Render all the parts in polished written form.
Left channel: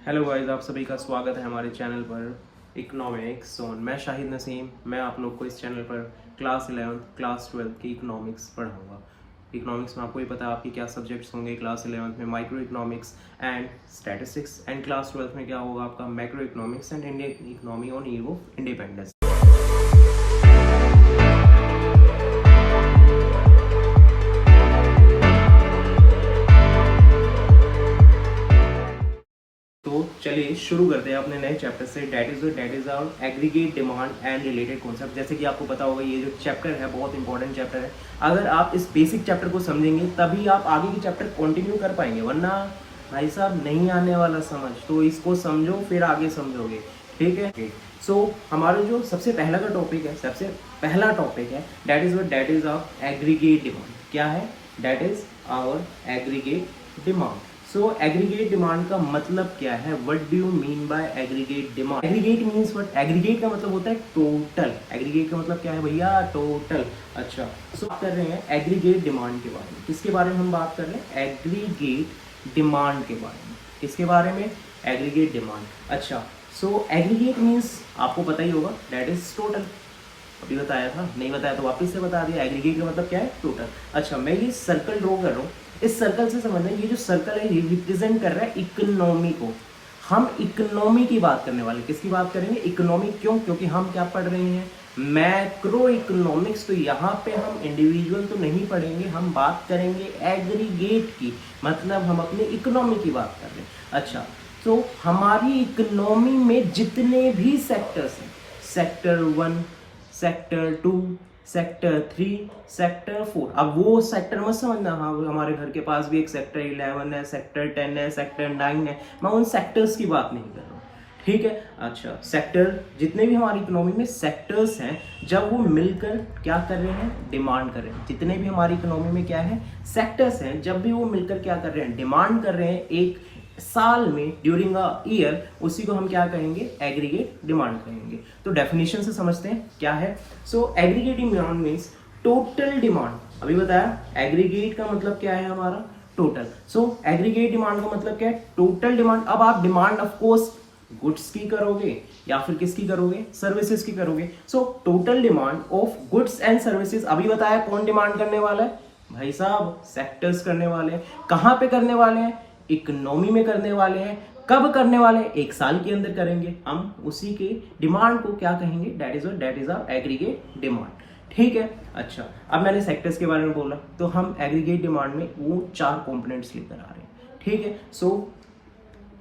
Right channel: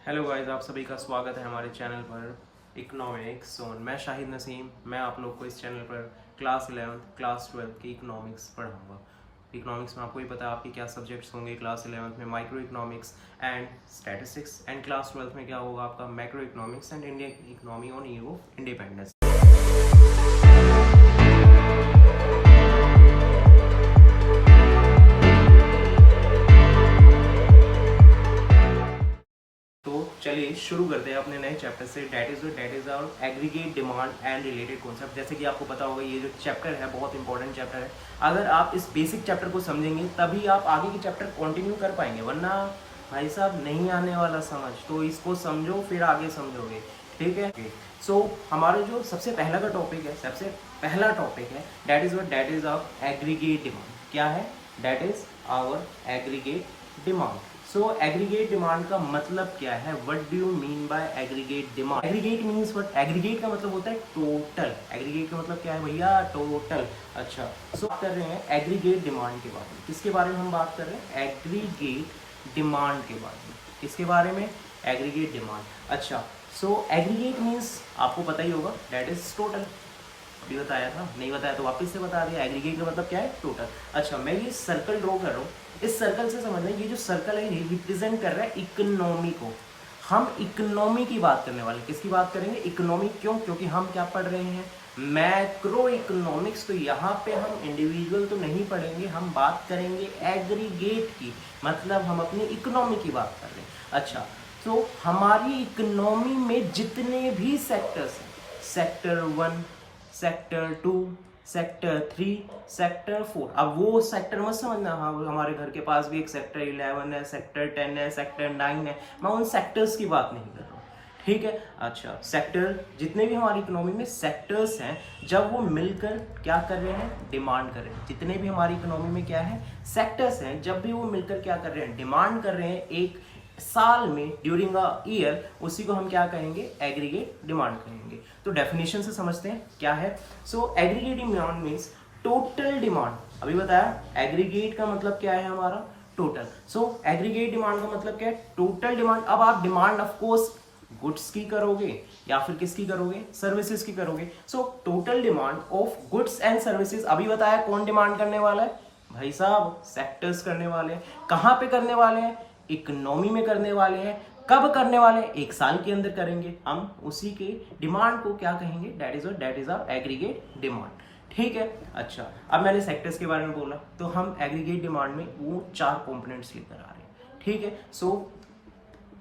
Hello guys, आप सभी का स्वागत है हमारे चैनल पर इकोनॉमिक्स ऑन। मैं शाहिद नसीम। मैं आप लोग को इस चैनल पर क्लास 11th क्लास 12th की इकोनॉमिक्स पढ़ाऊंगा। इकोनॉमिक्स में आपको ही पता है आपके क्या सब्जेक्ट्स होंगे। क्लास 11th में micro economics and statistics, and class 12th में क्या होगा आपका macro economics and Indian economy on year of independence. तो चलिए शुरू करते हैं अपने नए चैप्टर से। That is our aggregate demand and related concept. जैसे कि आपको पता होगा ये जो चैप्टर है बहुत इंपॉर्टेंट चैप्टर है। अगर आप इस बेसिक चैप्टर को समझेंगे तभी आप आगे के चैप्टर कंटिन्यू कर पाएंगे, वरना भाई साहब नहीं आने वाला समझ। तो इसको समझो फिर आगे समझोगे, ठीक है। सो हमारा जो सबसे पहला का टॉपिक है, सबसे पहला टॉपिक है that is our aggregate demand. क्या है? That is our aggregate demand. So aggregate demand का मतलब क्या है? What do you mean by aggregate demand? Aggregate means what? Aggregate का मतलब होता है टोटल। एग्रीगेट का मतलब क्या है भैया? टोटल। अच्छा, सो बात कर रहे हैं एग्रीगेट डिमांड के बारे में। किसके बारे में हम बात कर रहे हैं? एग्रीगेट डिमांड के बारे में। किसके बारे में? Aggregate demand. अच्छा, सो एग्रीगेट मीन्स आपको पता ही होगा, दैट इज टोटल। अभी बताया था, नहीं बताया तो वापस से बता दिया। एग्रीगेट का मतलब क्या है? टोटल। अच्छा, मैं ये सर्कल ड्रॉ कर रहा हूँ। इस सर्कल से समझना, ये जो सर्कल है ये रिप्रेजेंट कर रहा है इकोनॉमी को। हम इकोनॉमी की बात करने वाले। किसकी बात करेंगे? इकोनॉमी। क्यों? क्योंकि हम क्या पढ़ रहे हैं? Macro economics. तो यहाँ पे हम इंडिविजुअल तो नहीं पढ़ेंगे, हम बात करेंगे एग्रीगेट की। मतलब हम अपनी इकोनॉमी की बात कर रहे हैं। अच्छा, तो हमारी इकोनॉमी में जितने भी सेक्टर्स हैं, सेक्टर 1, सेक्टर 2, सेक्टर 3, सेक्टर 4। अब वो सेक्टर मत समझना, हाँ हमारे घर के पास भी एक सेक्टर 11 है, सेक्टर 10 है, सेक्टर 9 है। मैं उन सेक्टर्स की बात नहीं कर रहा हूँ, ठीक है। अच्छा, सेक्टर जितने भी हमारी इकोनॉमी में सेक्टर्स हैं, जब वो मिलकर क्या कर रहे हैं? डिमांड कर रहे हैं। जितने भी हमारी इकोनॉमी में क्या है? सेक्टर्स हैं, जब भी वो मिलकर क्या कर रहे हैं? डिमांड कर रहे हैं एक साल में, ड्यूरिंग अ ईयर, उसी को हम क्या कहेंगे? एग्रीगेट डिमांड कहेंगे। तो डेफिनेशन से समझते हैं क्या है। So aggregate demand means total demand. अभी बताया एग्रीगेट का मतलब क्या है हमारा? टोटल। सो एग्रीगेट डिमांड का मतलब क्या है? Total demand. अब आप डिमांड ऑफ कोर्स गुड्स की करोगे या फिर किसकी करोगे? सर्विसेज की करोगे। So total demand of goods and services. अभी बताया कौन डिमांड करने वाला है भाई साहब? सेक्टर्स करने वाले हैं। कहां पे करने वाले हैं? इकोनॉमी में करने वाले हैं। कब करने वाले हैं? एक साल के अंदर करेंगे। हम उसी के डिमांड को क्या कहेंगे? That is a aggregate demand, ठीक है। अच्छा, अब मैंने सेक्टर्स के बारे में बोला, तो हम एग्रीगेट डिमांड में वो 4 कंपोनेंट्स लेकर आ रहे हैं, ठीक है। सो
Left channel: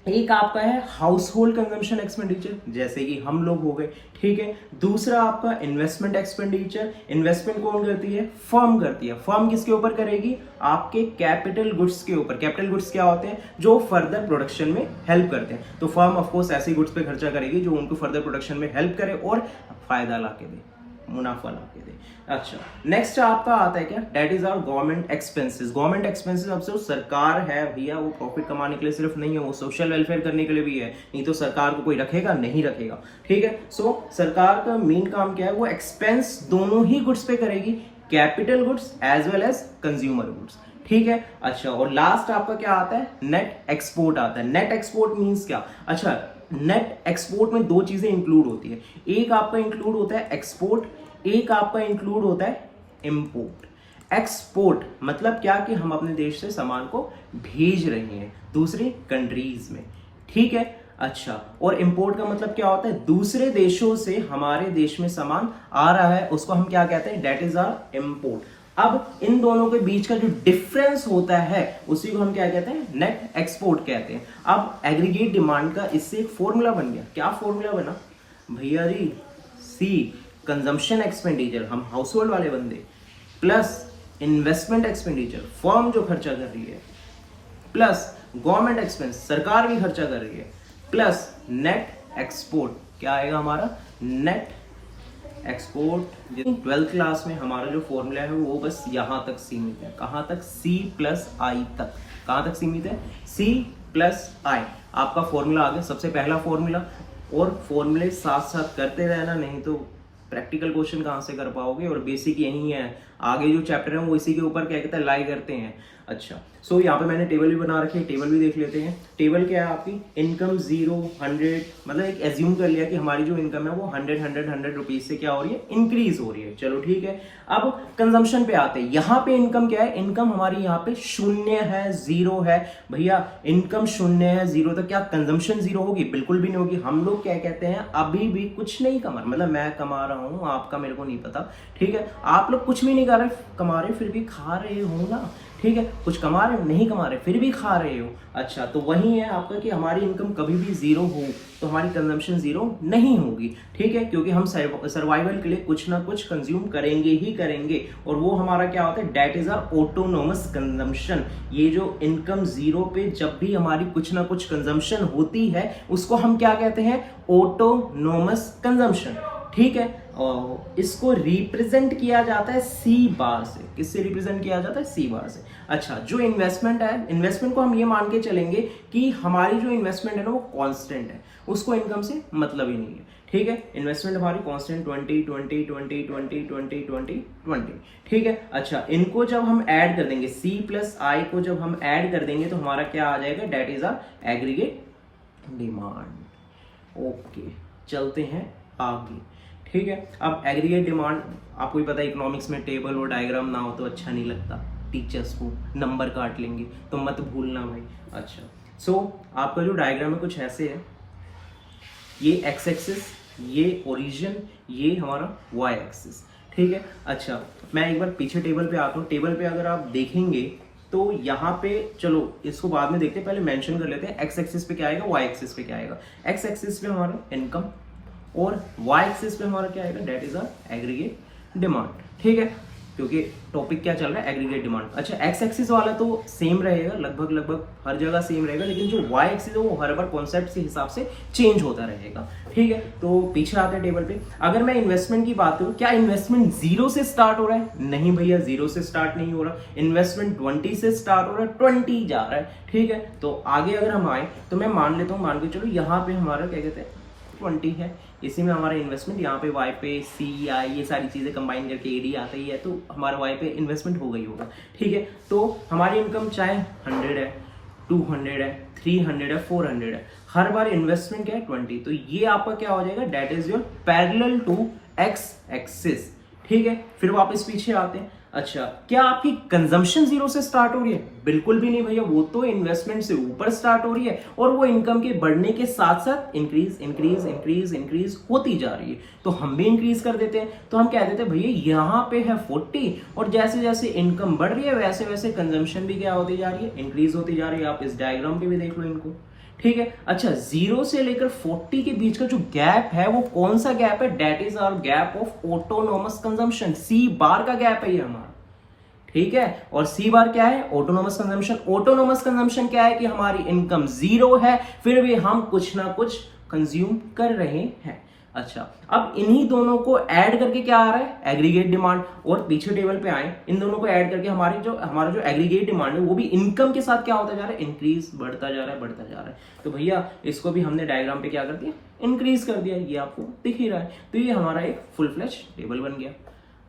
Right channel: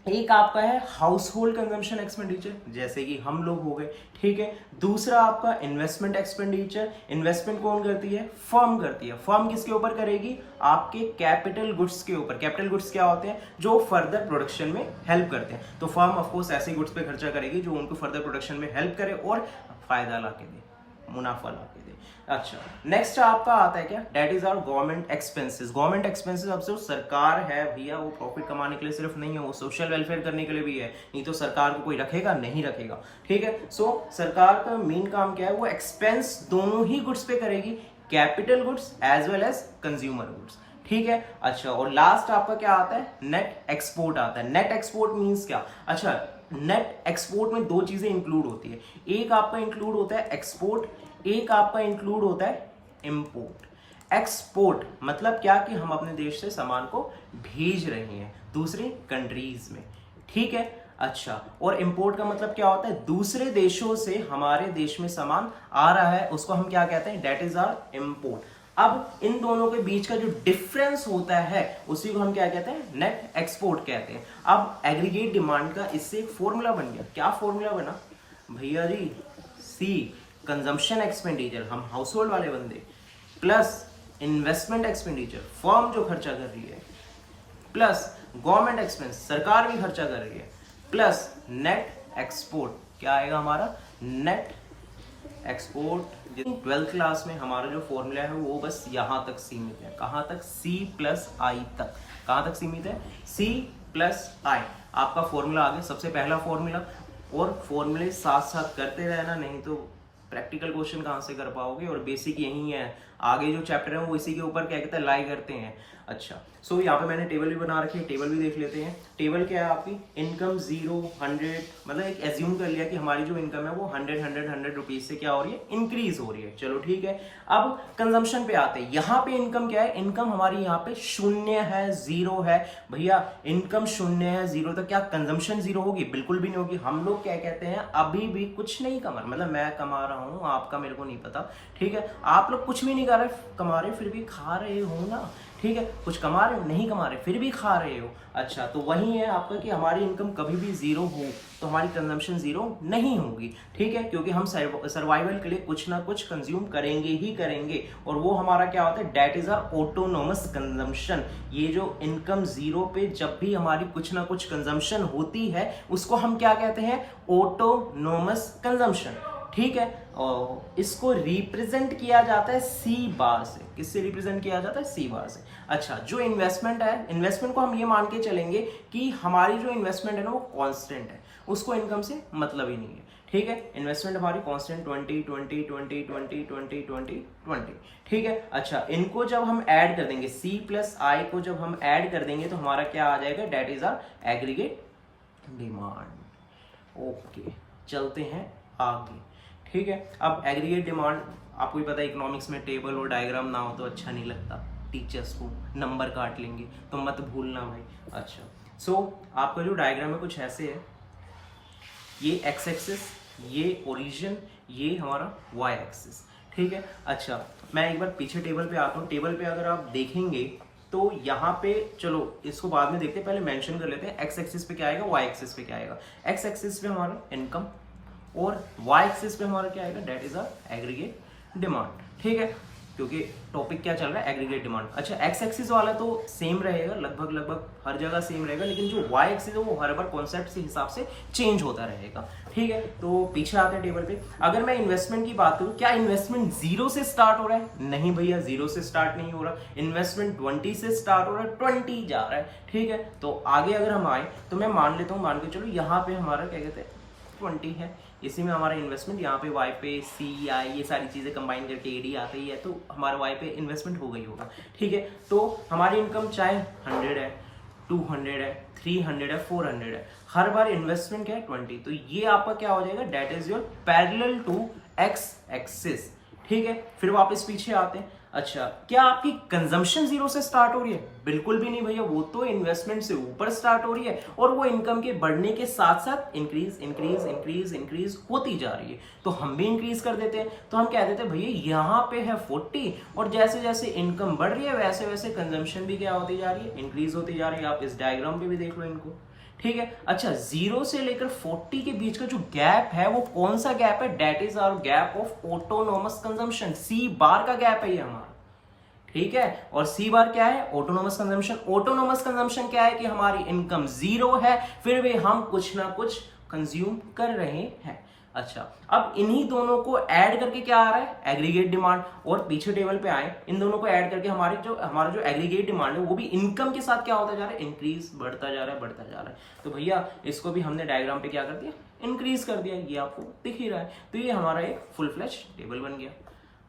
एक आपका है हाउस होल्ड कंजम्पशन एक्सपेंडिचर, जैसे कि हम लोग हो गए, ठीक है। दूसरा आपका इन्वेस्टमेंट एक्सपेंडिचर। इन्वेस्टमेंट कौन करती है? फर्म करती है। फर्म किसके ऊपर करेगी? आपके कैपिटल गुड्स के ऊपर। कैपिटल गुड्स क्या होते हैं? जो फर्दर प्रोडक्शन में हेल्प करते हैं। तो फर्म ऑफ कोर्स ऐसी गुड्स पे खर्चा करेगी जो उनको फर्दर प्रोडक्शन में हेल्प करे और फायदा ला के दे, मुनाफा ला के दे। अच्छा, नेक्स्ट आपका आता है क्या? That is our government expenses. Government expenses अब सिर्फ सरकार है भैया, वो प्रॉफिट कमाने के लिए सिर्फ नहीं है, वो सोशल वेलफेयर करने के लिए भी है। नहीं तो सरकार को कोई रखेगा? नहीं रखेगा, ठीक है। सो सरकार का मेन काम क्या है? वो एक्सपेंस दोनों ही गुड्स पे करेगी, capital goods as well as consumer goods, ठीक है। अच्छा, और लास्ट आपका क्या आता है? नेट एक्सपोर्ट आता है। नेट एक्सपोर्ट मींस क्या? अच्छा, नेट एक्सपोर्ट में 2 चीजें इंक्लूड होती है। एक आपका इंक्लूड होता है एक्सपोर्ट, एक आपका इंक्लूड होता है इंपोर्ट। एक्सपोर्ट मतलब क्या? कि हम अपने देश से सामान को भेज रहे हैं दूसरी कंट्रीज में, ठीक है। अच्छा, और इंपोर्ट का मतलब क्या होता है? दूसरे देशों से हमारे देश में सामान आ रहा है, उसको हम क्या कहते हैं? That is a import. अब इन दोनों के बीच का जो डिफरेंस होता है उसी को हम क्या कहते हैं? नेट एक्सपोर्ट कहते हैं। अब एग्रीगेट डिमांड का इससे एक फॉर्मूला बन गया। क्या फॉर्मूला बना भैया जी? सी कंजम्पशन एक्सपेंडिचर, हम हाउस होल्ड वाले बंदे, प्लस इन्वेस्टमेंट एक्सपेंडिचर, फर्म जो खर्चा कर रही है, प्लस गवर्नमेंट एक्सपेंस, सरकार भी खर्चा कर रही है, प्लस नेट एक्सपोर्ट। क्या आएगा हमारा? Net export. 12th क्लास में हमारा जो फॉर्मूला है वो बस यहां तक सीमित है। कहां तक? C+I तक। कहां तक सीमित है? C+I आपका फॉर्मूला आ गया, सबसे पहला फॉर्मूला। और फॉर्मूले साथ साथ करते रहना, नहीं तो प्रैक्टिकल क्वेश्चन कहां से कर पाओगे। और बेसिक यही है, आगे जो चैप्टर है वो इसी के ऊपर क्या कहते हैं? लाई करते हैं। अच्छा, सो यहाँ पे मैंने टेबल भी बना रखी है, टेबल भी देख लेते हैं। टेबल क्या है आपकी, इनकम 0 100, मतलब एक एज्यूम कर लिया कि हमारी जो इनकम है वो 100 रुपीज से क्या हो रही है, इंक्रीज हो रही है। चलो ठीक है, अब कंजम्पशन पे आते हैं। यहाँ पे इनकम क्या है, इनकम हमारी यहाँ पे 0 है, 0 है। भैया इनकम 0 है, 0, तो क्या कंजम्पशन 0 होगी? बिल्कुल भी नहीं होगी। हम लोग क्या कहते हैं, अभी भी कुछ नहीं कमा, मतलब मैं कमा रहा हूँ, आपका मेरे को नहीं पता, ठीक है, आप लोग कुछ भी नहीं कर रहे, कमा रहे फिर भी खा रहे हो ना, ठीक है, कुछ कमा रहे हो, नहीं कमा रहे फिर भी खा रहे हो। अच्छा, तो वही है आपका कि हमारी इनकम कभी भी 0 हो तो हमारी कंजम्पशन 0 नहीं होगी, ठीक है, क्योंकि हम सर्वाइवल के लिए कुछ ना कुछ कंज्यूम करेंगे ही करेंगे, और वो हमारा क्या होता है, that is our autonomous consumption. ये जो इनकम 0 पे जब भी हमारी कुछ ना कुछ कंजम्पशन होती है उसको हम क्या कहते हैं, ऑटोनोमस कंजम्पशन, ठीक है। और इसको रिप्रेजेंट किया जाता है सी बार से। किससे रिप्रेजेंट किया जाता है, सी बार से। अच्छा, जो इन्वेस्टमेंट है, इन्वेस्टमेंट को हम ये मान के चलेंगे कि हमारी जो इन्वेस्टमेंट है ना वो कांस्टेंट है, उसको इनकम से मतलब ही नहीं है, ठीक है। इन्वेस्टमेंट हमारी कांस्टेंट 20 20 20 20 20 20 20, ठीक है। अच्छा, इनको जब हम ऐड कर देंगे, सी प्लस आई को जब हम ऐड कर देंगे तो हमारा क्या आ जाएगा, that is our aggregate demand. Okay, चलते हैं आगे, ठीक है। अब एग्रीगेट डिमांड, आपको भी पता है इकोनॉमिक्स में टेबल और डायग्राम ना हो तो अच्छा नहीं लगता, टीचर्स को नंबर काट लेंगे, तो मत भूलना भाई। अच्छा, सो आपका जो डायग्राम है कुछ ऐसे है, ये एक्स एक्सिस, ये ओरिजिन, ये हमारा वाई एक्सिस, ठीक है। अच्छा, मैं एक बार पीछे टेबल पे आता हूँ। टेबल पे अगर आप देखेंगे तो यहाँ पे, चलो इसको बाद में देखते हैं, पहले मेंशन कर लेते हैं एक्स एक्सिस पे क्या आएगा, वाई एक्सिस पे क्या आएगा। एक्स एक्सिस पे हमारा इनकम और वाई एक्सिस पे हमारा क्या आएगा, that is our aggregate demand, ठीक है, क्योंकि टॉपिक क्या चल रहा है, एग्रीगेट डिमांड। अच्छा, एक्स एक्सिस वाला तो सेम रहेगा, लगभग हर जगह सेम रहेगा, लेकिन जो वाई एक्सिस है वो हर बार कॉन्सेप्ट के हिसाब से चेंज होता रहेगा, ठीक है। तो पीछे आते हैं टेबल पे। अगर मैं इन्वेस्टमेंट की बात करूं, क्या इन्वेस्टमेंट 0 से स्टार्ट हो रहा है? नहीं भैया, 0 से स्टार्ट नहीं हो रहा, इन्वेस्टमेंट 20 से स्टार्ट हो रहा है, 20 जा रहा है, ठीक है। तो आगे अगर हम आए तो मैं मान लेता हूँ, मान के चलो यहाँ पे हमारा क्या कहते हैं 20 है, इसी में हमारा इन्वेस्टमेंट, यहाँ पे वाई पे सी आई ये सारी चीजें कंबाइन करके एडी आता ही है, तो हमारा वाई पे इन्वेस्टमेंट हो गई होगा, ठीक है। तो हमारी इनकम चाहे 100 है, 200 है, 300 है, 400 है, हर बार इन्वेस्टमेंट क्या है 20, तो ये आपका क्या हो जाएगा, that is your parallel to X axis, ठीक है। फिर वापस पीछे आते हैं। अच्छा, क्या आपकी कंजम्पशन 0 से स्टार्ट हो रही है? बिल्कुल भी नहीं भैया, वो तो इन्वेस्टमेंट से ऊपर स्टार्ट हो रही है, और वो इनकम के बढ़ने के साथ साथ इंक्रीज इंक्रीज इंक्रीज इंक्रीज होती जा रही है, तो हम भी इंक्रीज कर देते हैं। तो हम कह देते हैं भैया यहाँ पे है 40, और जैसे जैसे इनकम बढ़ रही है वैसे वैसे कंजम्पशन भी क्या होती जा रही है, इंक्रीज होती जा रही है। आप इस डायग्राम पे भी देख लो इनको, ठीक है। अच्छा, 0 से लेकर 40 के बीच का जो गैप है वो कौन सा गैप है, that is our gap of autonomous consumption, C bar का गैप है ये हमारा, ठीक है। और सी बार क्या है, ऑटोनोमस कंजम्पशन। ऑटोनोमस कंजम्पशन क्या है कि हमारी इनकम 0 है फिर भी हम कुछ ना कुछ कंज्यूम कर रहे हैं। अच्छा, अब इन्हीं दोनों को ऐड करके क्या आ रहा है, एग्रीगेट डिमांड। और पीछे टेबल पे आए, इन दोनों को ऐड करके हमारा जो एग्रीगेट डिमांड है वो भी इनकम के साथ क्या होता जा रहा है, इंक्रीज, बढ़ता जा रहा है, बढ़ता जा रहा है। तो भैया इसको भी हमने डायग्राम पे क्या कर दिया, इंक्रीज कर दिया, ये आपको दिख ही रहा है। तो ये हमारा एक फुल फ्लैश टेबल बन गया।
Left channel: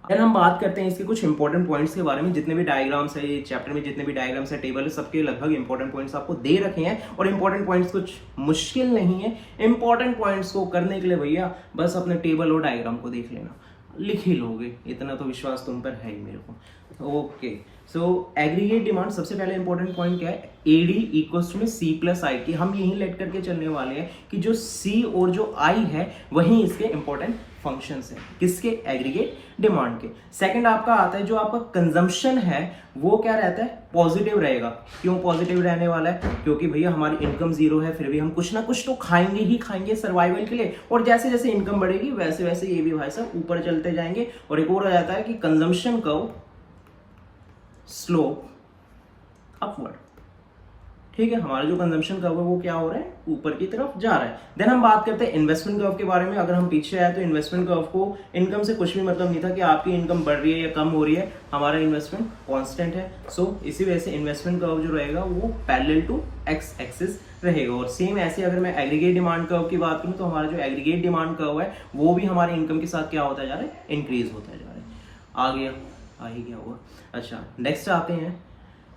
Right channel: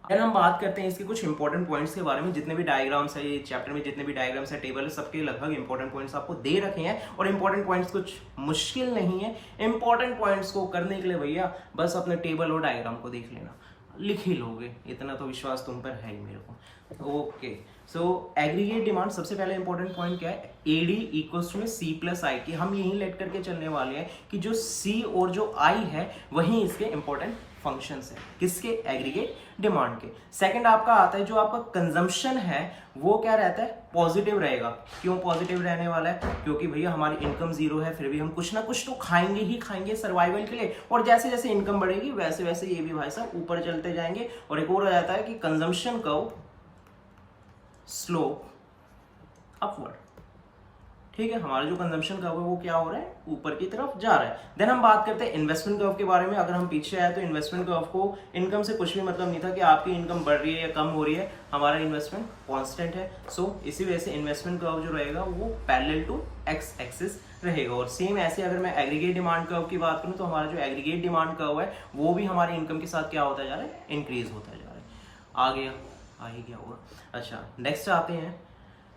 अगर हम बात करते हैं इसके कुछ इंपॉर्टेंट पॉइंट्स के बारे में, जितने भी डायग्राम्स है ये चैप्टर में, जितने भी डायग्राम्स है, टेबल है, सबके लगभग इंपॉर्टेंट पॉइंट्स आपको दे रखे हैं, और इंपॉर्टेंट पॉइंट्स कुछ मुश्किल नहीं है। इंपॉर्टेंट पॉइंट्स को करने के लिए भैया बस अपने टेबल और डायग्राम को देख लेना, लिख ही लोगे, इतना तो विश्वास तुम पर है ही मेरे को। ओके, सो एग्रीगेट डिमांड, सबसे पहले इंपॉर्टेंट पॉइंट क्या है, एडी इक्वल्स टू में सी प्लस आई की हम यही लेट करके चलने वाले हैं कि जो सी और जो आई है वही इसके इंपॉर्टेंट फंक्शंस है, किसके, एग्रीगेट डिमांड के। सेकंड आपका आता है जो आपका कंजम्पशन है वो क्या रहता है, पॉजिटिव रहेगा। क्यों पॉजिटिव रहने वाला है, क्योंकि भैया हमारी इनकम 0 है फिर भी हम कुछ ना कुछ तो खाएंगे ही खाएंगे सर्वाइवल के लिए, और जैसे जैसे इनकम बढ़ेगी वैसे वैसे ये भी भाई साहब ऊपर चलते जाएंगे। और एक और आ जाता है कि कंजम्पशन कर्व स्लोप अपवर्ड, ठीक है, हमारा जो कंजम्पशन कर्व है वो क्या हो रहा है, ऊपर की तरफ जा रहा है। देन हम बात करते हैं इन्वेस्टमेंट कर्व के बारे में। अगर हम पीछे आए तो इन्वेस्टमेंट कर्व को इनकम से कुछ भी मतलब नहीं था कि आपकी इनकम बढ़ रही है या कम हो रही है, हमारा इन्वेस्टमेंट कांस्टेंट है। सो इसी वजह से इन्वेस्टमेंट कर्व जो रहेगा वो पैरेलल टू एक्स एक्सिस रहेगा। और सेम ऐसे अगर मैं एग्रीगेट डिमांड कर्व की बात करूं तो हमारा जो एग्रीगेट डिमांड कर्व है वो भी हमारे इनकम के साथ क्या होता जा रहा है, इंक्रीज होता जा रहा है। आ गया, आ ही गया होगा। अच्छा, नेक्स्ट आते हैं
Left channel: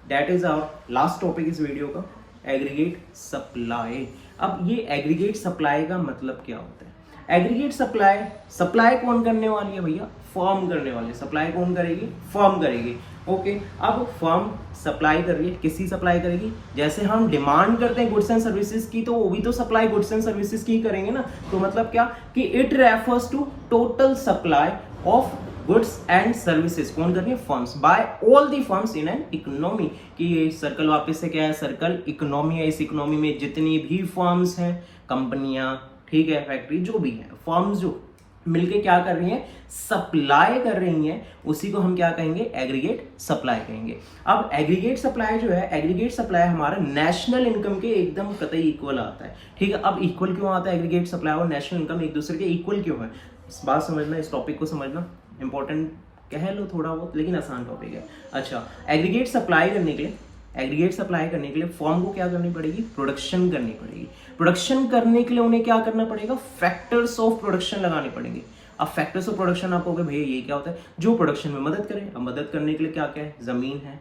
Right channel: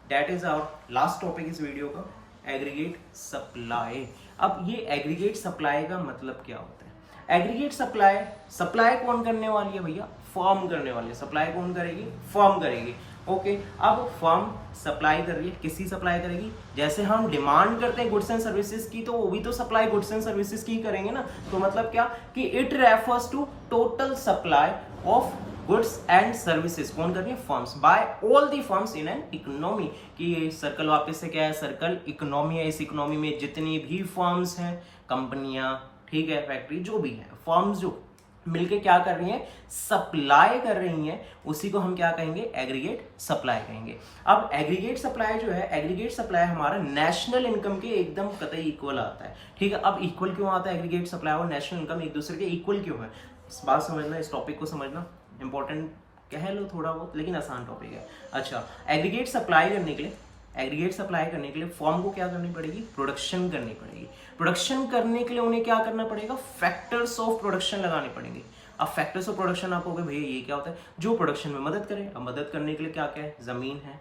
that is our last topic इस वीडियो का, एग्रीगेट सप्लाई। अब ये एग्रीगेट सप्लाई का मतलब क्या होता है? एग्रीगेट सप्लाई, सप्लाई कौन करने वाली है भैया? फर्म करने वाली है। सप्लाई कौन करेगी? फर्म करेगी। ओके, अब फर्म सप्लाई कर रही है, किसकी सप्लाई करेगी? जैसे हम डिमांड करते हैं गुड्स एंड सर्विसेज की, तो वो भी तो सप्लाई गुड्स एंड सर्विसेज की करेंगे ना। तो मतलब क्या कि it refers to total supply of goods and services. कौन कर रही है? Firms, by all the firms in an economy. कि ये सर्कल वापस से क्या है? सर्कल इकोनॉमी है। इस इकोनॉमी में जितनी भी फर्म्स हैं, कंपनियां, ठीक है, फैक्ट्री, जो भी है, फर्म्स जो मिलके क्या कर रही हैं? सप्लाई कर रही हैं, उसी को हम क्या कहेंगे? एग्रीगेट सप्लाई कहेंगे। अब एग्रीगेट सप्लाई जो है, एग्रीगेट सप्लाई हमारा नेशनल इनकम के एकदम कतई इक्वल आता है। ठीक है, अब इक्वल क्यों आता है? एग्रीगेट सप्लाई और नेशनल इनकम एक दूसरे के इक्वल क्यों है? इस बात समझना, इस टॉपिक को समझना इंपॉर्टेंट कह लो थोड़ा बहुत, लेकिन आसान टॉपिक है। अच्छा, एग्रीगेट सप्लाई करने के लिए, एग्रीगेट सप्लाई करने के लिए फर्म को क्या करनी पड़ेगी? प्रोडक्शन करनी पड़ेगी। प्रोडक्शन करने के लिए उन्हें क्या करना पड़ेगा? फैक्टर्स ऑफ प्रोडक्शन लगाने पड़ेंगे। अब फैक्टर्स ऑफ प्रोडक्शन आप कहोगे भैया ये क्या होता है? जो प्रोडक्शन में मदद करे। अब मदद करने के लिए क्या क्या है? जमीन है,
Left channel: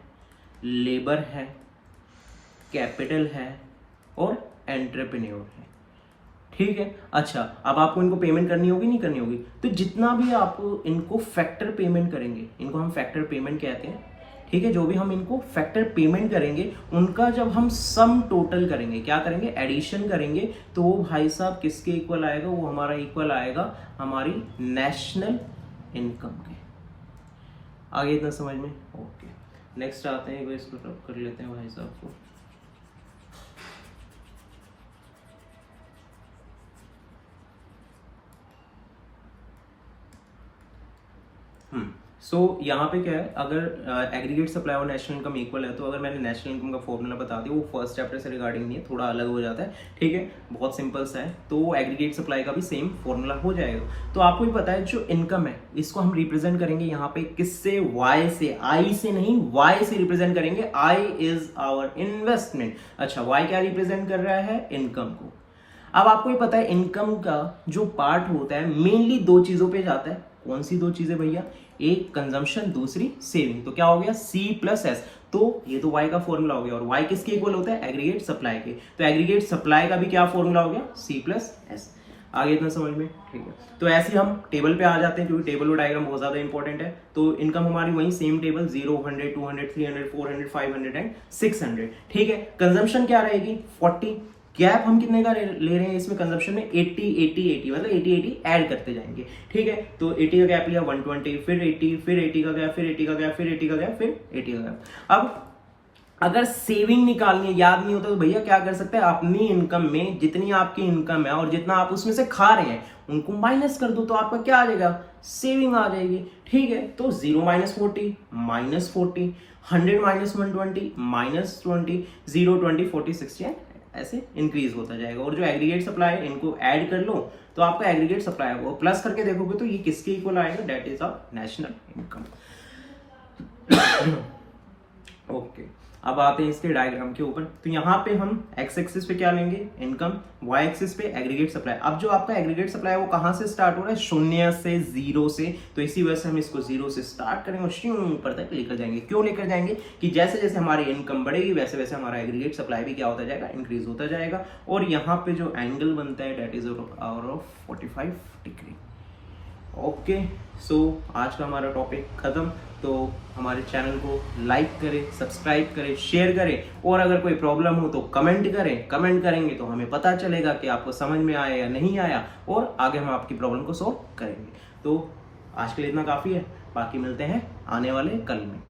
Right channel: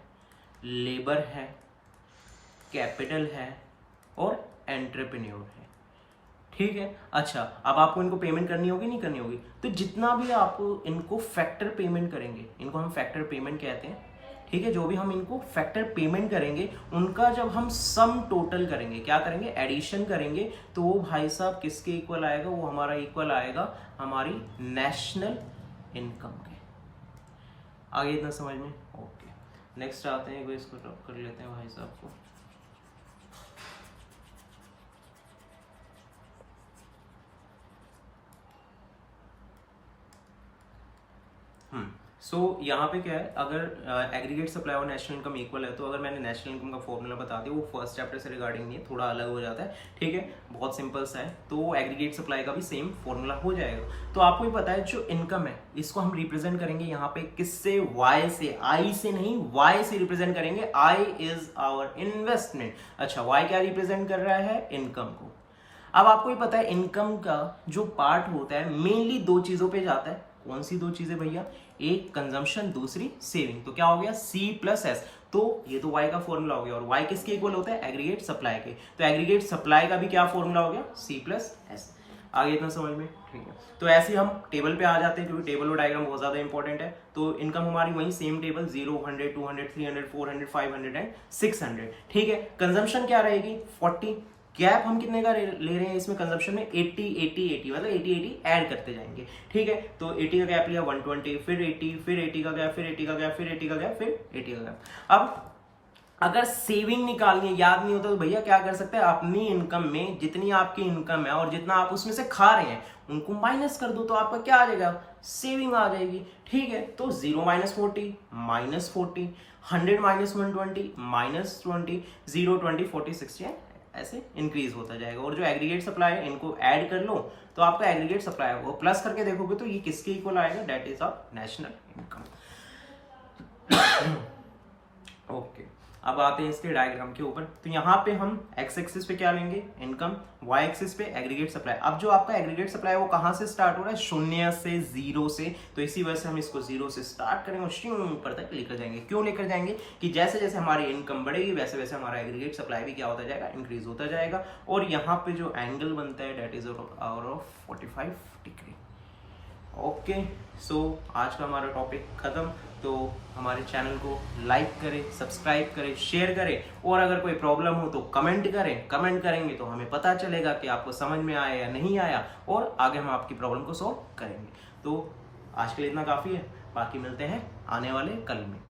लेबर है, कैपिटल है और एंटरप्रेन्योर है। ठीक है, अच्छा, अब आपको इनको पेमेंट करनी होगी, नहीं करनी होगी? तो जितना भी आप इनको फैक्टर पेमेंट करेंगे, इनको हम फैक्टर पेमेंट कहते हैं। ठीक है, जो भी हम इनको फैक्टर पेमेंट करेंगे, उनका जब हम सम टोटल करेंगे, क्या करेंगे? एडिशन करेंगे, तो वो भाई साहब किसके इक्वल आएगा? वो हमारा इक्वल आएगा हमारी नेशनल इनकम के। आगे इतना समझ में? ओके, नेक्स्ट आते हैं, इसको कर लेते हैं भाई साहब को। सो यहाँ पे क्या है, अगर एग्रीगेट सप्लाई और नेशनल इनकम इक्वल है, तो अगर मैंने नेशनल इनकम का फॉर्मूला बता दिया, वो फर्स्ट चैप्टर से रिगार्डिंग नहीं है, थोड़ा अलग हो जाता है। ठीक है, बहुत सिंपल सा है, तो एग्रीगेट सप्लाई का भी सेम फॉर्मूला हो जाएगा। तो आपको ही पता है जो इनकम है, इसको हम रिप्रेजेंट करेंगे यहाँ पे किससे? वाई से। आई से नहीं, वाई से रिप्रेजेंट करेंगे। I is our investment. अच्छा, वाई क्या रिप्रेजेंट कर रहा है? इनकम को। अब आपको ही पता है इनकम का जो पार्ट होता है मेनली दो चीजों पे जाता है। कौन सी दो चीजें भैया? एक कंजम्पशन, दूसरी सेविंग। तो क्या हो गया? C plus S. तो ये तो Y का फॉर्मूला हो गया, और Y किसके इक्वल होता है? एग्रीगेट सप्लाई के। तो एग्रीगेट सप्लाई का भी क्या फॉर्मूला हो गया? C plus S. आगे इतना समझ में? ठीक है, तो ऐसे हम टेबल पे आ जाते हैं, क्योंकि टेबल और डायग्राम बहुत ज्यादा इंपॉर्टेंट है। तो इनकम हमारी वही सेम टेबल, 0, 100, 200, 300, 400, 500 एंड 600। ठीक है, कंजम्पशन क्या रहेगी? 40। गैप हम कितने का ले रहे हैं इसमें? कंजम्पशन में 80, 80, 80, मतलब 80, 80 ऐड करते जाएंगे। ठीक है, तो 80 का गैप लिया, 120, फिर 80, फिर 80 का गैप, फिर 80 का गैप, फिर 80 का गैप, फिर 80 का गैप। अब अगर सेविंग निकालनी है, याद नहीं होता, तो भैया क्या कर सकते हैं? अपनी इनकम में जितनी आपकी इनकम है और जितना आप उसमें से खा रहे हैं, उनको माइनस कर दो, तो आपका क्या आ जाएगा? सेविंग आ जाएगी। ठीक है, तो 0 माइनस 40, माइनस 40, 100 माइनस 120, माइनस 20, 0, 20, 40, 60 ऐसे इंक्रीज होता जाएगा। और जो एग्रीगेट सप्लाई है, इनको ऐड कर लो, तो आपका एग्रीगेट सप्लाई होगा। प्लस करके देखोगे तो ये किसके इक्वल आएगा? That is our national income. Okay, अब आते हैं इसके डायग्राम के ऊपर। तो यहाँ पे हम एक्स एक्सिस पे क्या लेंगे? इनकम, वाई एक्सिस पे एग्रीगेट सप्लाई। अब जो आपका एग्रीगेट सप्लाई है वो कहाँ से स्टार्ट हो रहा है? शून्य से, 0 से। तो इसी वजह से हम इसको 0 से स्टार्ट करेंगे और ऊपर तक लेकर जाएंगे। क्यों लेकर जाएंगे? कि जैसे जैसे हमारी इनकम बढ़ेगी, वैसे वैसे हमारा एग्रीगेट सप्लाई भी क्या होता जाएगा? इंक्रीज होता जाएगा। और यहाँ पे जो एंगल बनता है, that is our of 45 degree. Okay, so आज का हमारा टॉपिक खत्म। तो हमारे चैनल को लाइक करें, सब्सक्राइब करें, शेयर करें, और अगर कोई प्रॉब्लम हो तो कमेंट करें। कमेंट करेंगे तो हमें पता चलेगा कि आपको समझ में आया या नहीं आया, और आगे हम आपकी प्रॉब्लम को सॉल्व करेंगे। तो आज के लिए इतना काफ़ी है, बाकी मिलते हैं आने वाले कल में।